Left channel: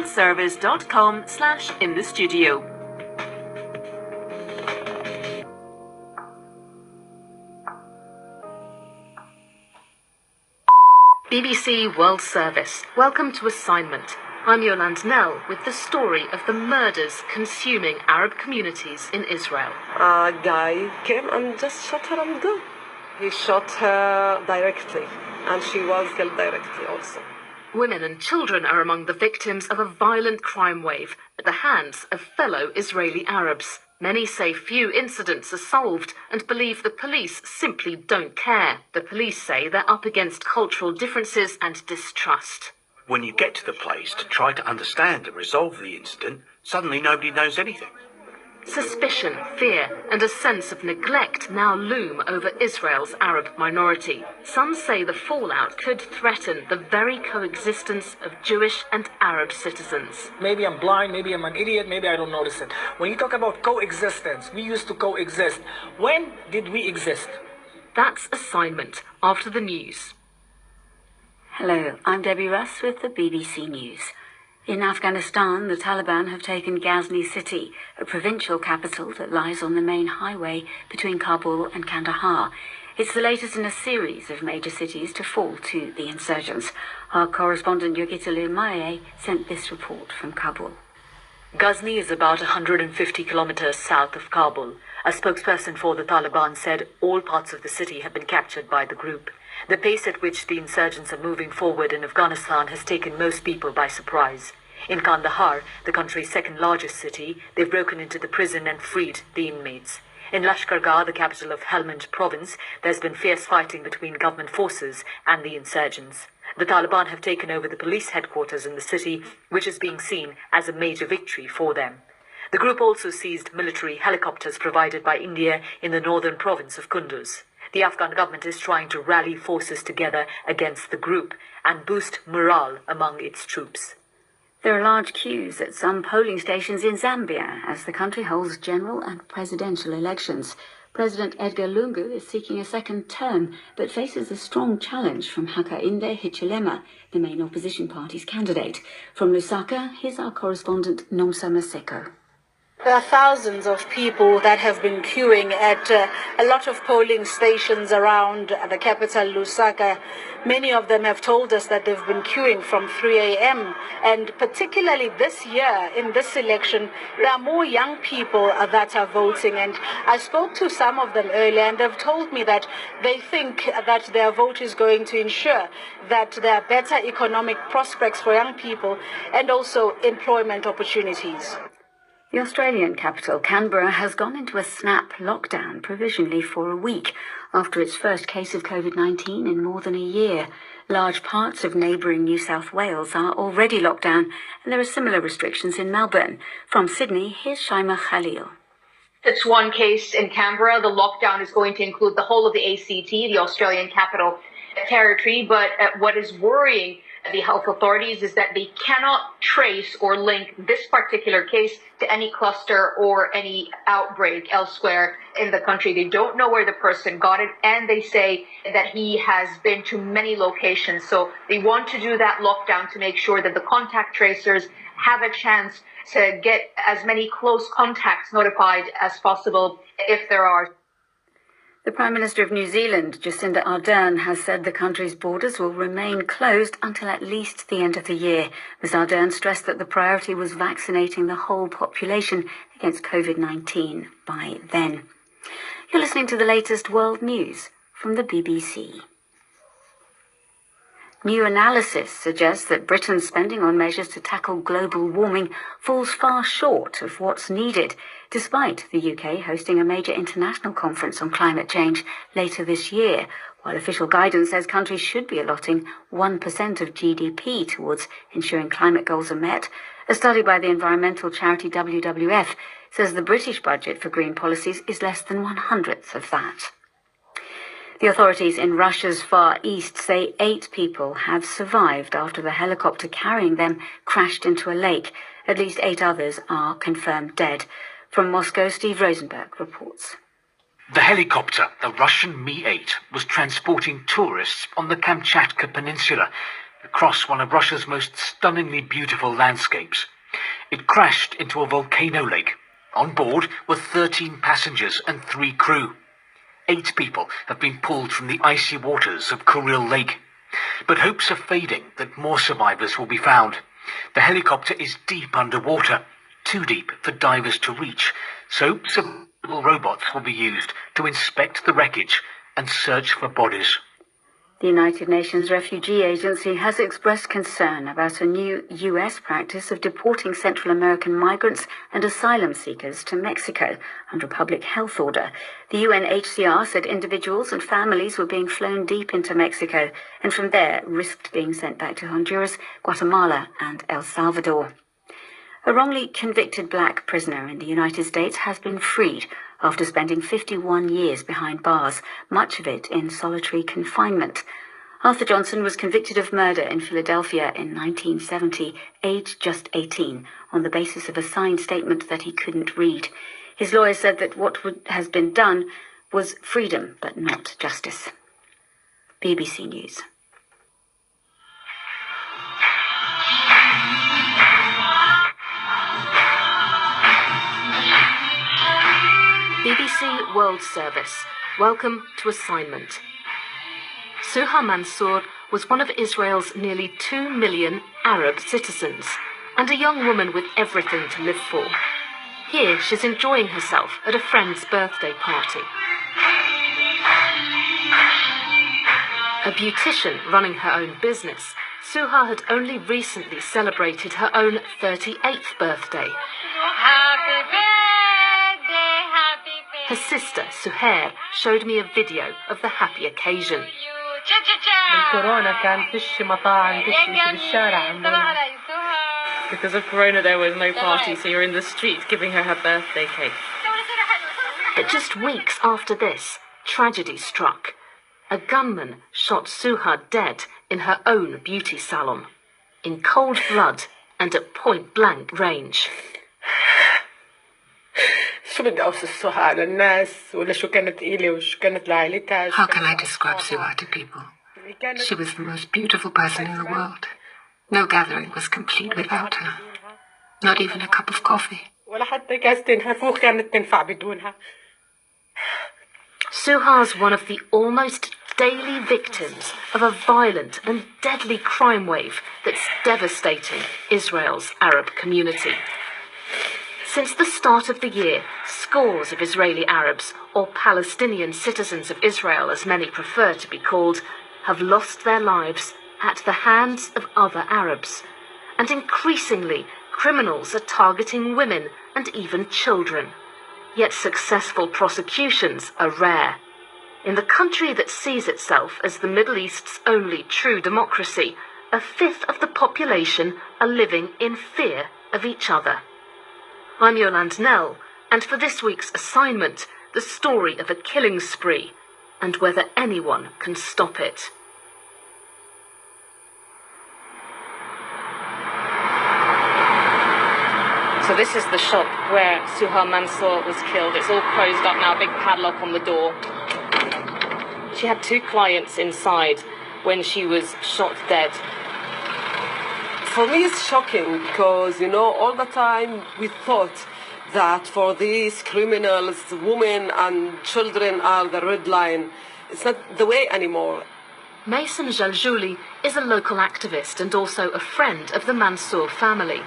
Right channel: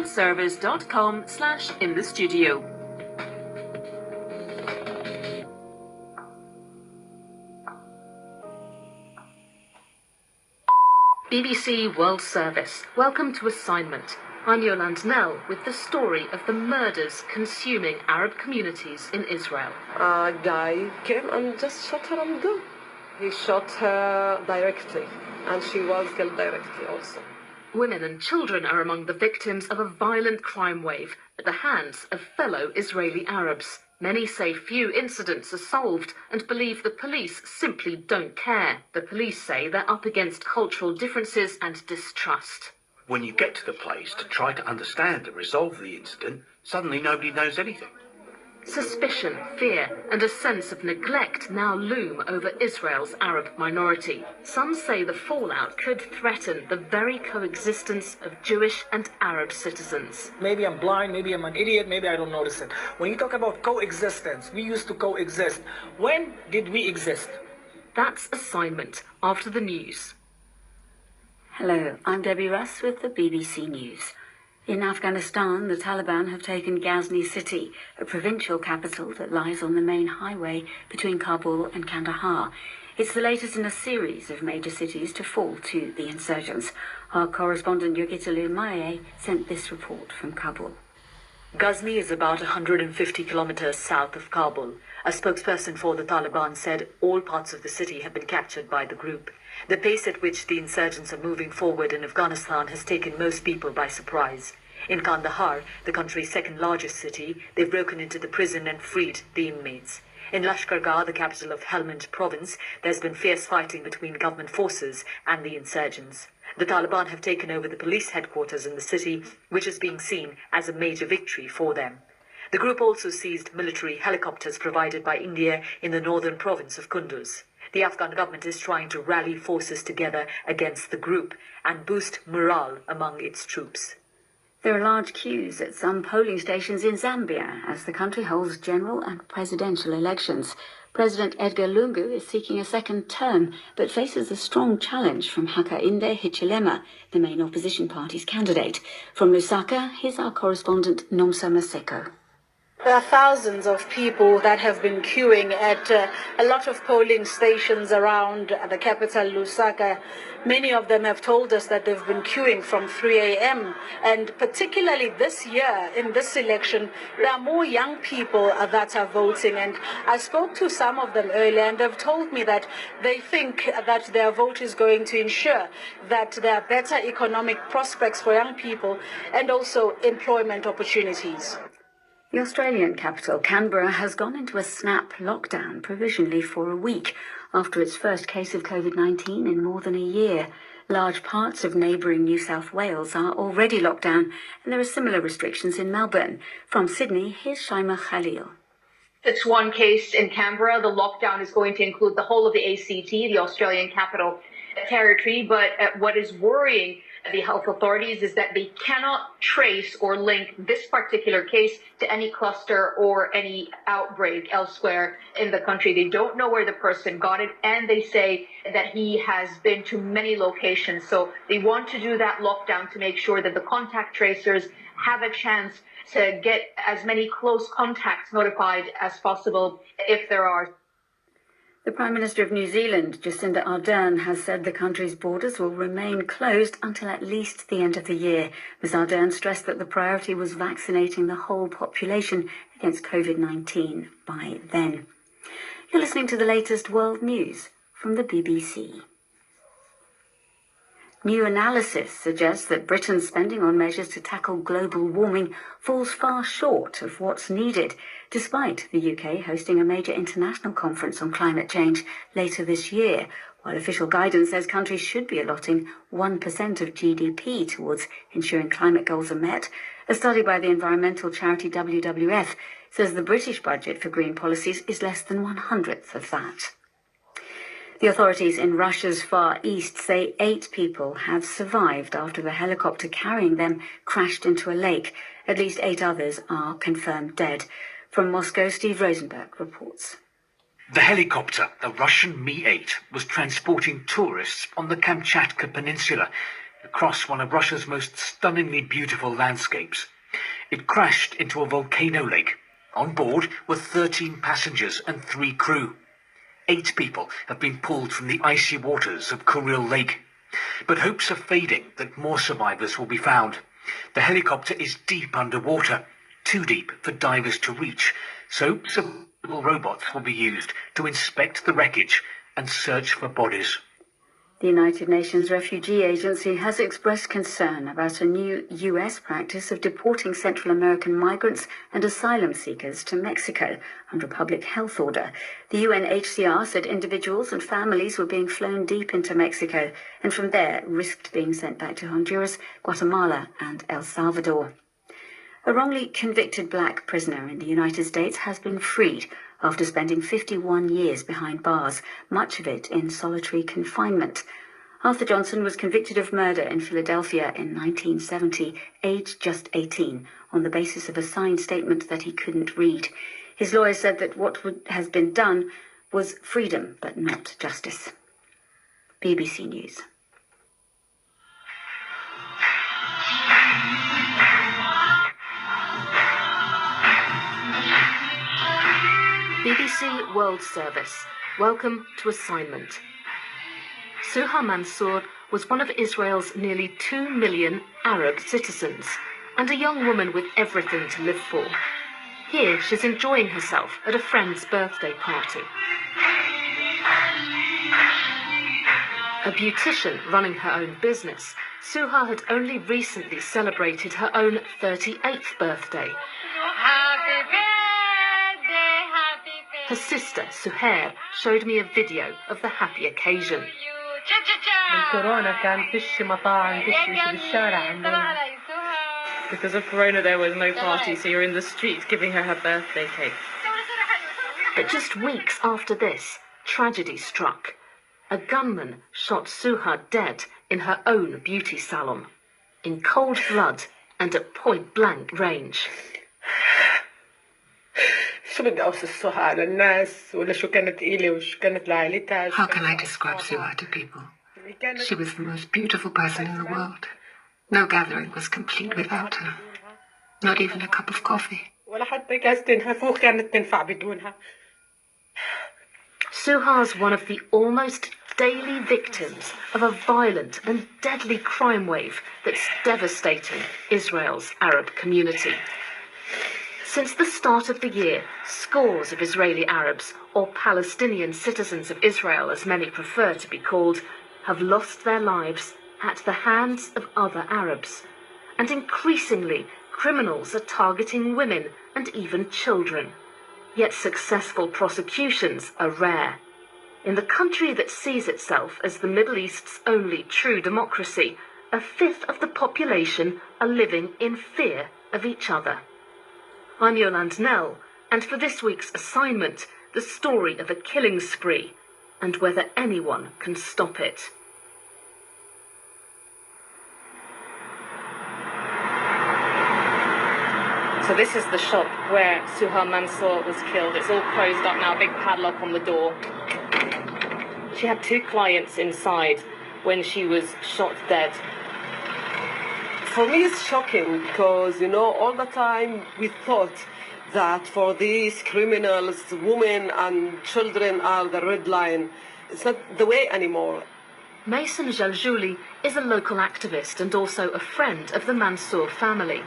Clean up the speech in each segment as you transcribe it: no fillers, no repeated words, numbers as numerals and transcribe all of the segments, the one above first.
bbcworldservice.com/in-the-studio. BBC World Service. Welcome to Assignment. I'm Yolande Nell with the story of the murders consuming Arab communities in Israel. A guy came and just shot her on the gun. He shot her directly, and she was killed directly also. Women and children are among the victims of a violent crime wave at the hands of fellow Israeli Arabs. Many say few incidents are solved and believe the police simply don't care. The police say they're up against cultural differences and distrust. When you get to the place to try to understand and resolve the incident, suddenly nobody knows anything. Suspicion, fear, and a sense of neglect now loom over Israel's Arab minority. Some say the fallout could threaten the very coexistence of Jewish and Arab citizens. Maybe I'm blind, maybe I'm an idiot, maybe I don't notice it. When you talk about coexistence, we used to coexist. When did we exist? That's Assignment after the news. Hello, I'm Debbie Russ with the BBC News. In Afghanistan, the Taliban have taken Ghazni city, a provincial capital that lies on the main highway between Kabul and Kandahar. It's the latest in a series of major cities to fall to the insurgents. Our correspondent Yogitalu Maye sent this report from Kabul. Ghazni is about 150 kilometers south of Kabul. A spokesperson for the Taliban said all parts of the city have been captured by the group. The pace at which the insurgents are moving forward in Afghanistan has taken most people by surprise. In Kandahar, the country's second largest city, they've broken into the prison and freed the inmates. In Lashkargah, the capital of Helmand province, there's been fierce fighting between government forces and the insurgents. The Taliban have taken over the police headquarters in the city, which is being seen as a major victory for them. The group also seized military helicopters provided by India in the northern province of Kunduz. The Afghan government is trying to rally forces together against the group and boost morale among its troops. There are large queues at some polling stations in Zambia as the country holds general and presidential elections. President Edgar Lungu is seeking a second term, but faces a strong challenge from Hakainde Hichilema, the main opposition party's candidate. From Lusaka, here's our correspondent Nomsa Maseko. There are thousands of people that have been queuing at a lot of polling stations around the capital, Lusaka. Many of them have told us that they've been queuing from 3 a.m. And particularly this year, in this election, there are more young people that are voting. And I spoke to some of them earlier, and they've told me that they think that their vote is going to ensure that there are better economic prospects for young people and also employment opportunities. The Australian capital, Canberra, has gone into a snap lockdown provisionally for a week after its first case of COVID-19 in more than a year. Large parts of neighbouring New South Wales are already locked down, and there are similar restrictions in Melbourne. From Sydney, here's Shaima Khalil. It's one case in Canberra. The lockdown is going to include the whole of the ACT, the Australian Capital Territory. But what is worrying the health authorities is that they cannot trace or link this particular case to any cluster or any outbreak elsewhere in the country. They don't know where the person got it, and they say that he has been to many locations. So they want to do that lockdown to make sure that the contact tracers have a chance to get as many close contacts notified as possible if there are. The Prime Minister of New Zealand, Jacinda Ardern, has said the country's borders will remain closed until at least the end of the year. Ms Ardern stressed that the priority was vaccinating the whole population against COVID-19 by then. You're listening to the latest world news from the BBC. New analysis suggests that Britain's spending on measures to tackle global warming falls far short of what's needed, despite the UK hosting a major international conference on climate change later this year, while official guidance says countries should be allotting 1% of GDP towards ensuring climate goals are met. A study by the environmental charity WWF says the British budget for green policies is less than 1/100th of that. The authorities in Russia's Far East say 8 people have survived after the helicopter carrying them crashed into a lake. At least 8 others are confirmed dead. From Moscow, Steve Rosenberg reports. The helicopter, the Russian Mi-8, was transporting tourists on the Kamchatka Peninsula. across one of Russia's most stunningly beautiful landscapes. It crashed into a volcano lake. On board were 13 passengers and 3 crew. 8 people have been pulled from the icy waters of Kuril Lake. But hopes are fading that more survivors will be found. The helicopter is deep underwater, too deep for divers to reach, so several robots will be used to inspect the wreckage and search for bodies. The United Nations Refugee Agency has expressed concern about a new U.S. practice of deporting Central American migrants and asylum seekers to Mexico under a public health order. The UNHCR said individuals and families were being flown deep into Mexico and from there risked being sent back to Honduras, Guatemala and El Salvador. A wrongly convicted black prisoner in the United States has been freed after spending 51 years behind bars, much of it in solitary confinement. Arthur Johnson was convicted of murder in Philadelphia in 1970, aged just 18, on the basis of a signed statement that he couldn't read. His lawyer said that what has been done was freedom, but not justice. BBC News. BBC World Service. Welcome to assignment. Suha Mansour was one of Israel's nearly 2 million Arab citizens and a young woman with everything to live for. Here she's enjoying herself at a friend's birthday party. A beautician running her own business, Suha had only recently celebrated her own 38th birthday. Her sister, Suhair, showed me a video of the happy occasion. Because of Corona, there was no party, so you're in the street giving her birthday cake. But just weeks after this, tragedy struck. A gunman shot Suha dead in her own beauty salon, in cold blood and at point-blank range. How can I describe Suha to people? She was the most beautiful person in the world. No gathering was complete without her. Not even a cup of coffee. Suha's one of the almost daily victims of a violent and deadly crime wave that's devastating Israel's Arab community. Since the start of the year, scores of Israeli Arabs, or Palestinian citizens of Israel as many prefer to be called, have lost their lives at the hands of other Arabs. And increasingly, criminals are targeting women and even children. Yet successful prosecutions are rare. In the country that sees itself as the Middle East's only true democracy, 1/5 of the population are living in fear of each other. I'm Yolande Nell, and for this week's assignment, the story of a killing spree, and whether anyone can stop it. So this is the shop where Suha Mansour was killed. It's all closed up now, big padlock on the door. She had 2 clients inside when she was shot dead. For me, it's shocking because, all the time we thought that for these criminals, women and children are the red line. It's not the way anymore. Mason Jaljouli is a local activist and also a friend of the Mansour family.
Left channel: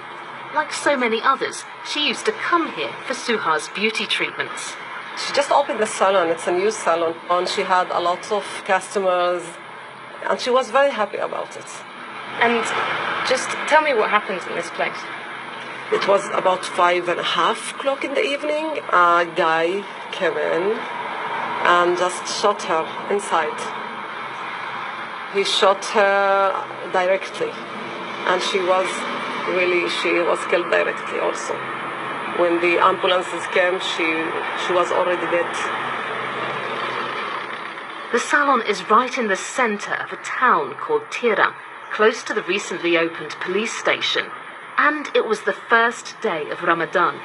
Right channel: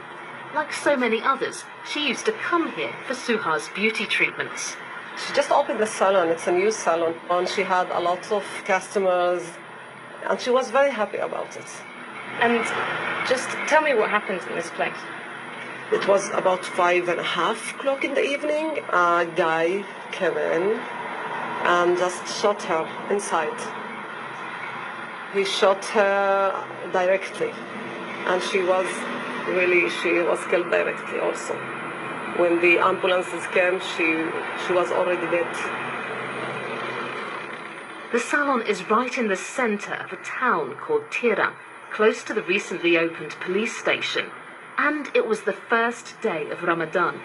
Like so many others, she used to come here for Suha's beauty treatments. She just opened the salon. It's a new salon. And she had a lot of customers, and she was very happy about it. And just tell me what happened in this place. It was about 5:30 in the evening. A guy came in and just shot her inside. He shot her directly, and she was killed directly also. When the ambulances came, she was already dead. The salon is right in the centre of a town called Tira, close to the recently opened police station. And it was the first day of Ramadan.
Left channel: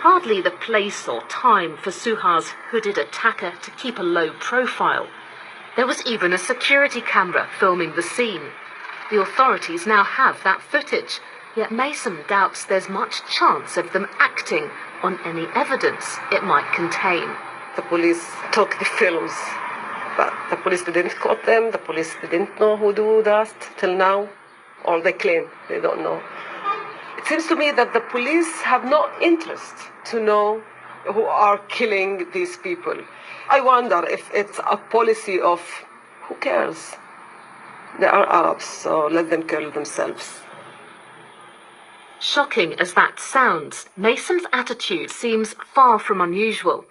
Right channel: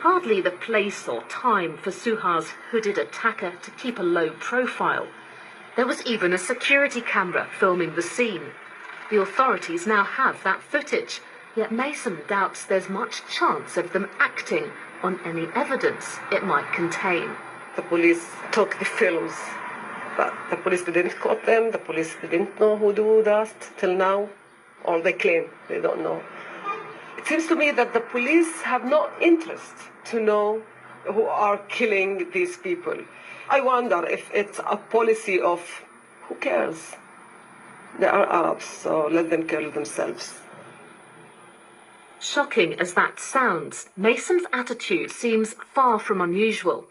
Hardly the place or time for Suha's hooded attacker to keep a low profile. There was even a security camera filming the scene. The authorities now have that footage, yet Mason doubts there's much chance of them acting on any evidence it might contain. The police took the films, but the police didn't caught them. The police didn't know who do that till now, or they claim they don't know. It seems to me that the police have no interest to know who are killing these people. I wonder if it's a policy of who cares? They are Arabs, so let them kill themselves. Shocking as that sounds, Mason's attitude seems far from unusual.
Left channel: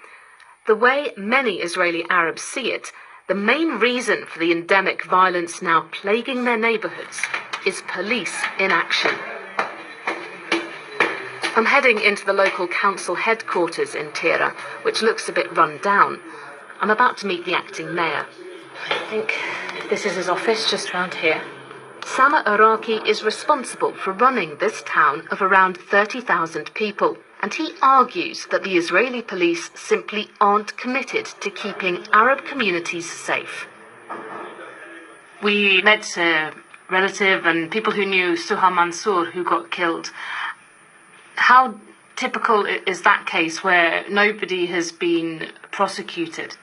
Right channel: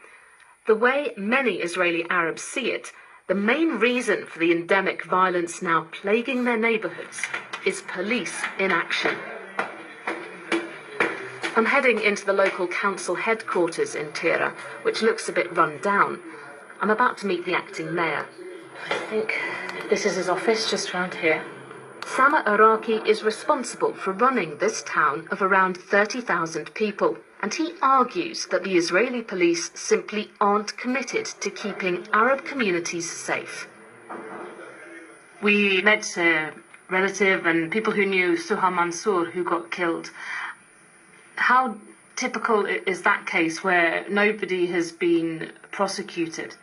The way many Israeli Arabs see it, the main reason for the endemic violence now plaguing their neighbourhoods is police inaction. I'm heading into the local council headquarters in Tira, which looks a bit run down. I'm about to meet the acting mayor. I think this is his office, just round here. Sama Araki is responsible for running this town of around 30,000 people, and he argues that the Israeli police simply aren't committed to keeping Arab communities safe. We met a relative and people who knew Suha Mansour, who got killed. How typical is that case where nobody has been prosecuted?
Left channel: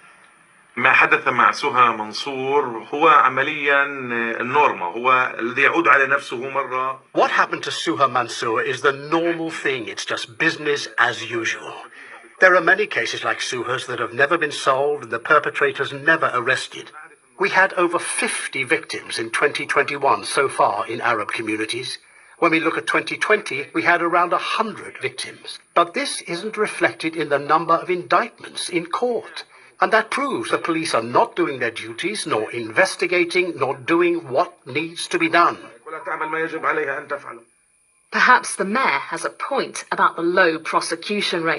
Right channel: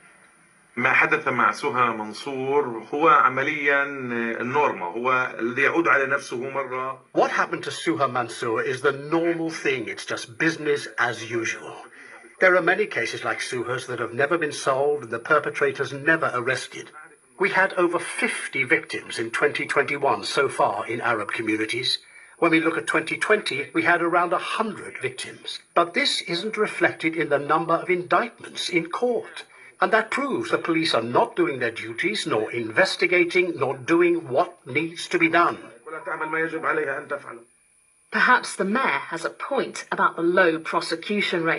ما حدث مع سهى منصور هو عمليا النورما هو الذي يعود على نفسه مرة. What happened to Suha Mansour is the normal thing. It's just business as usual. There are many cases like Suha's that have never been solved and the perpetrators never arrested. We had over 50 victims in 2021 so far in Arab communities. When we look at 2020, we had around 100 victims. But this isn't reflected in the number of indictments in court. And that proves the police are not doing their duties, nor investigating, nor doing what needs to be done. Perhaps the mayor has a point about the low prosecution rate.